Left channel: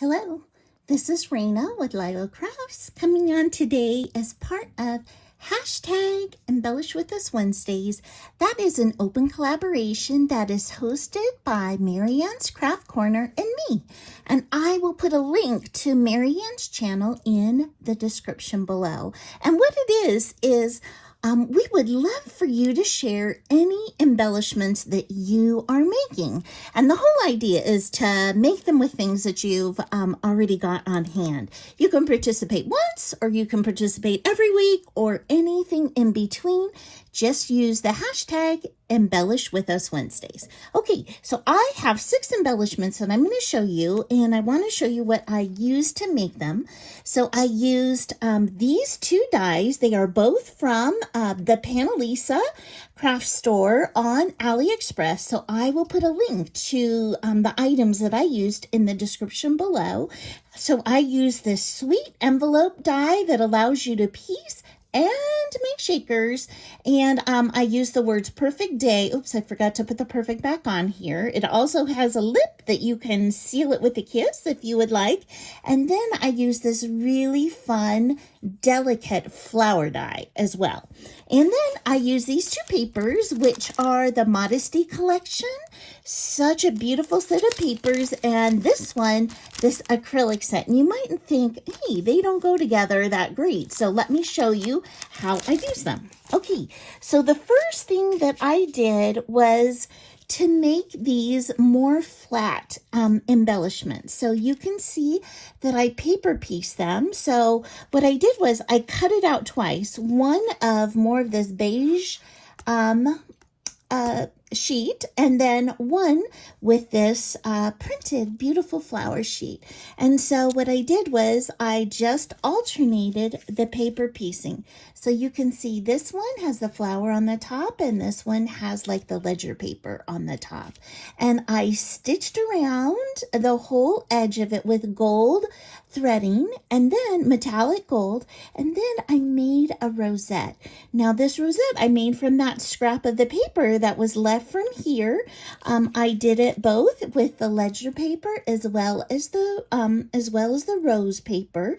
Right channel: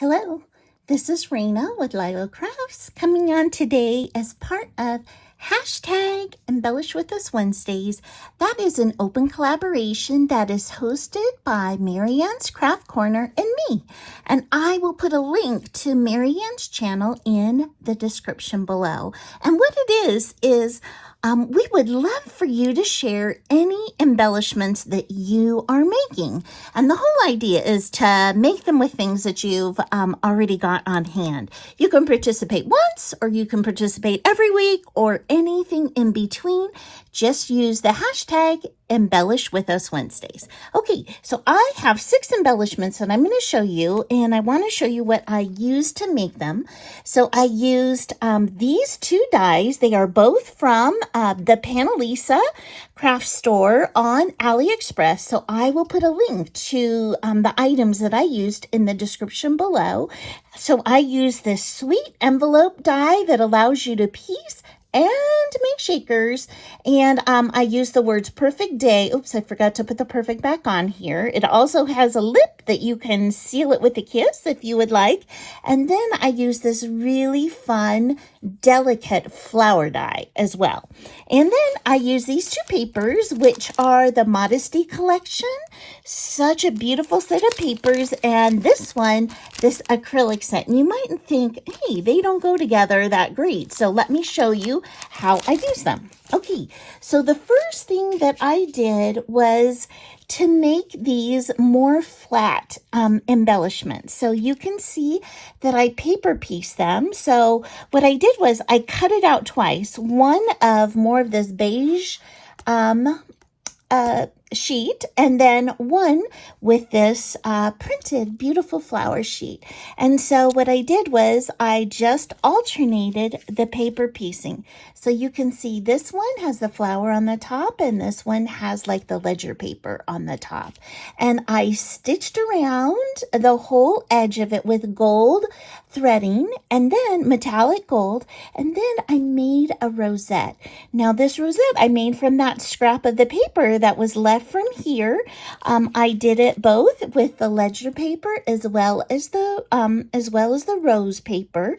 Hello, this is Raina with LYLO Crafts coming on today as part of hashtag Embellish With Us Wednesdays. That is an open collaboration that is hosted by Marianne's Craft Corner and me. And I will put a link to Marianne's channel in the description below. And what it is we would love for you to share any embellishments that you are making. And the whole idea is to make them with things that you've already got on hand. You can participate once, or you can participate every week, or anything in between. Just use the hashtag Embellish With Us Wednesdays. Okay, so I have 6 embellishments that I'm going to show you, and I want to show you what I used to make them. So I used these 2 dies. They are both from the Panalisa craft store on AliExpress. So I will put a link to the items that I used in the description below. So I used this sweet envelope die that allows you to piece and make shakers, and I use the words perfect day. Oops, I forgot to put the perfect back on here. It also has a lip that you can seal it with a kiss if you would like. And then I use this really fun, delicate flower die as well. And then I use these 2 papers, which are the Modesty collection. Such a beautiful set of papers. And this one, this acrylic set. And you might think, hey, they don't go together that great. So let me show you how I use them. Okay, so the first thing that I did was to make these more flat embellishments. So you can see that I paper pieced them. So what I did was I cut it out twice. One of more of this beige sheet, and then one with this printed beautiful flower sheet. And so what I did was I just alternated the paper piecing. So you can see this one has the flower on the top, and this one has like the ledger paper on the top. And I stitched around the whole edge of it with gold threading, and then metallic gold, and then I made a rosette. Now this rosette I made from that scrap of the paper that was left from here. I did it both with the ledger paper as well as the rose paper,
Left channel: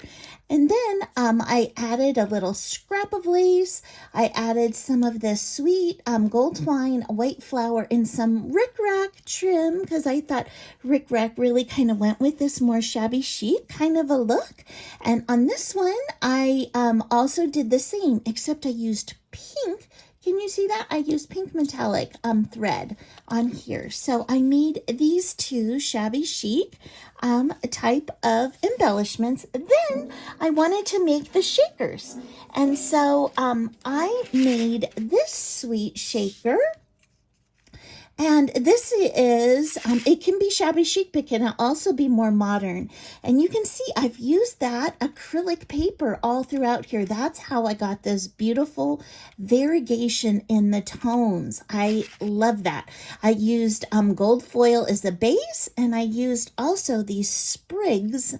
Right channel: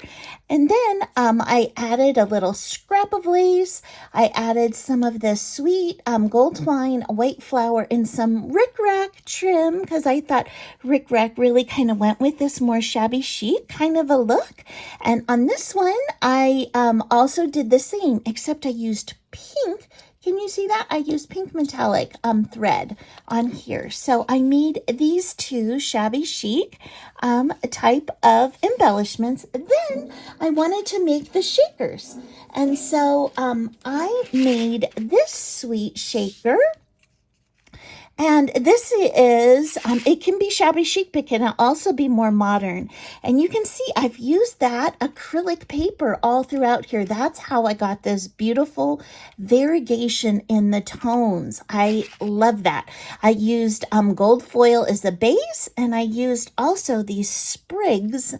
and then I added a little scrap of lace. I added some of this sweet gold twine, white flower, and some rickrack trim, because I thought rickrack really kind of went with this more shabby chic kind of a look. And on this one, I also did the same, except I used pink. Can you see that? I used pink metallic thread on here. So I made these 2 shabby chic type of embellishments. Then I wanted to make the shakers. And so I made this sweet shaker. And this is, it can be shabby chic, but can also be more modern. And you can see I've used that acrylic paper all throughout here. That's how I got this beautiful variegation in the tones. I love that. I used gold foil as the base, and I used also these sprigs,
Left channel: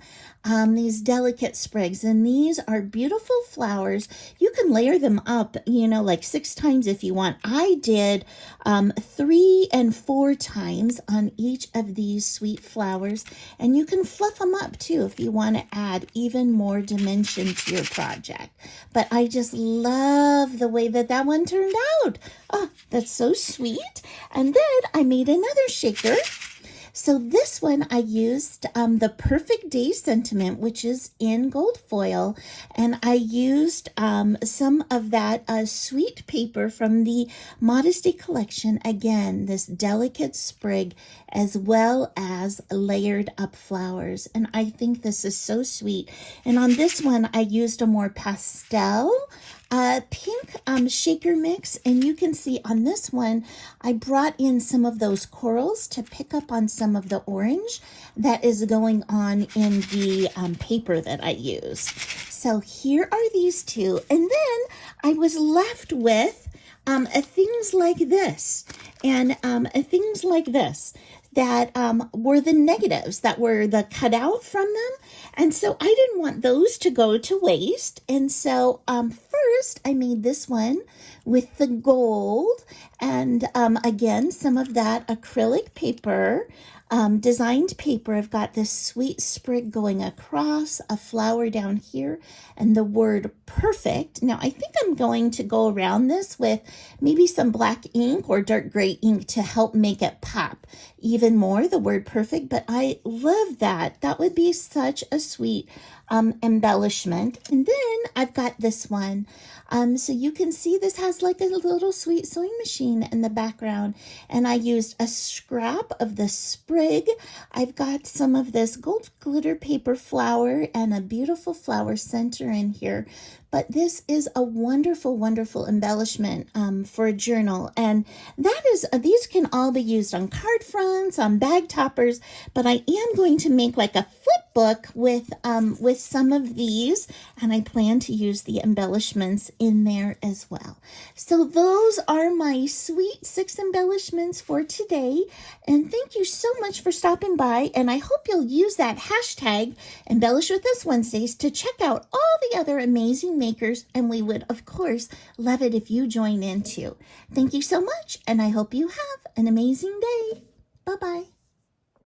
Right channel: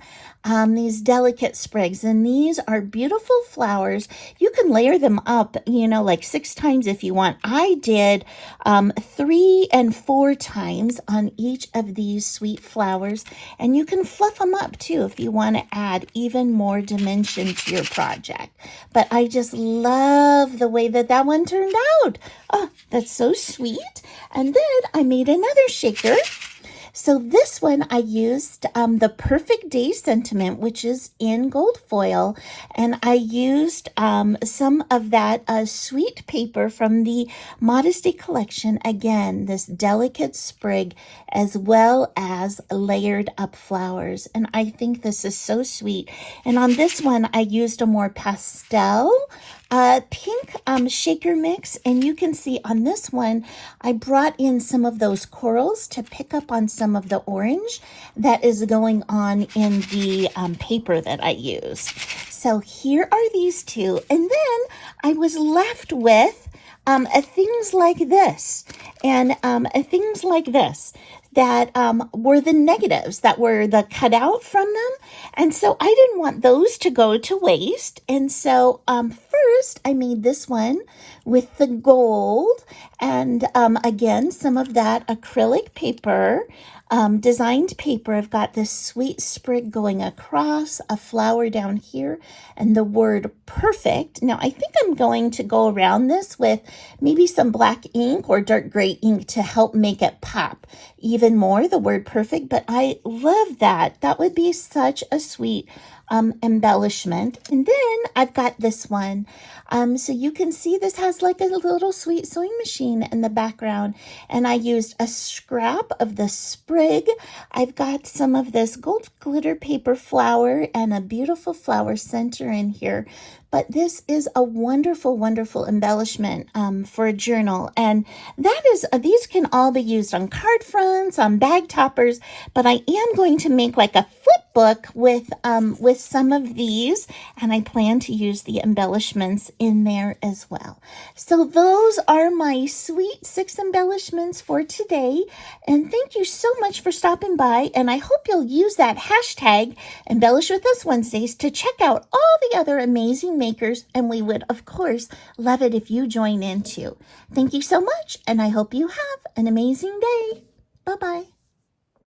these delicate sprigs, and these are beautiful flowers. You can layer them up, you know, like 6 times if you want. I did 3 and 4 times on each of these sweet flowers, and you can fluff them up too if you want to add even more dimension to your project. But I just love the way that one turned out. Oh, that's so sweet. And then I made another shaker. So this one I used the Perfect Day Sentiment, which is in gold foil, and I used some of that sweet paper from the Modesty collection. Again, this delicate sprig as well as layered up flowers, and I think this is so sweet. And on this one I used a more pastel pink shaker mix, and you can see on this one I brought in some of those corals to pick up on some of the orange that is going on in the paper that I use. So here are these 2, and then I was left with things like this, and things like this that were the negatives that were the cutout from them. And so I didn't want those to go to waste. And so first I made this one with the gold and again, some of that acrylic paper. designed paper. I've got this sweet sprig going across, a flower down here, and the word perfect. Now, I think I'm going to go around this with maybe some black ink or dark gray ink to help make it pop even more, the word perfect. But I love that. That would be such a sweet embellishment. And then I've got this one. So you can see this has like a little sweet sewing machine in the background. And I used a scrap of the sprig. I've got some of this gold glitter paper flower and a beautiful flower center in here. But this is a wonderful, wonderful embellishment for a journal. And that is, these can all be used on card fronts, on bag toppers, but I am going to make like a flip book with some of these, and I plan to use the embellishments in there as well. So those are my sweet 6 embellishments for today. And thank you so much for stopping by. And I hope you'll use that hashtag Embellish With Us Wednesdays to check out all the other amazing makers. And we would, of course, love it if you join in too. Thank you so much. And I hope you have an amazing day. Bye-bye.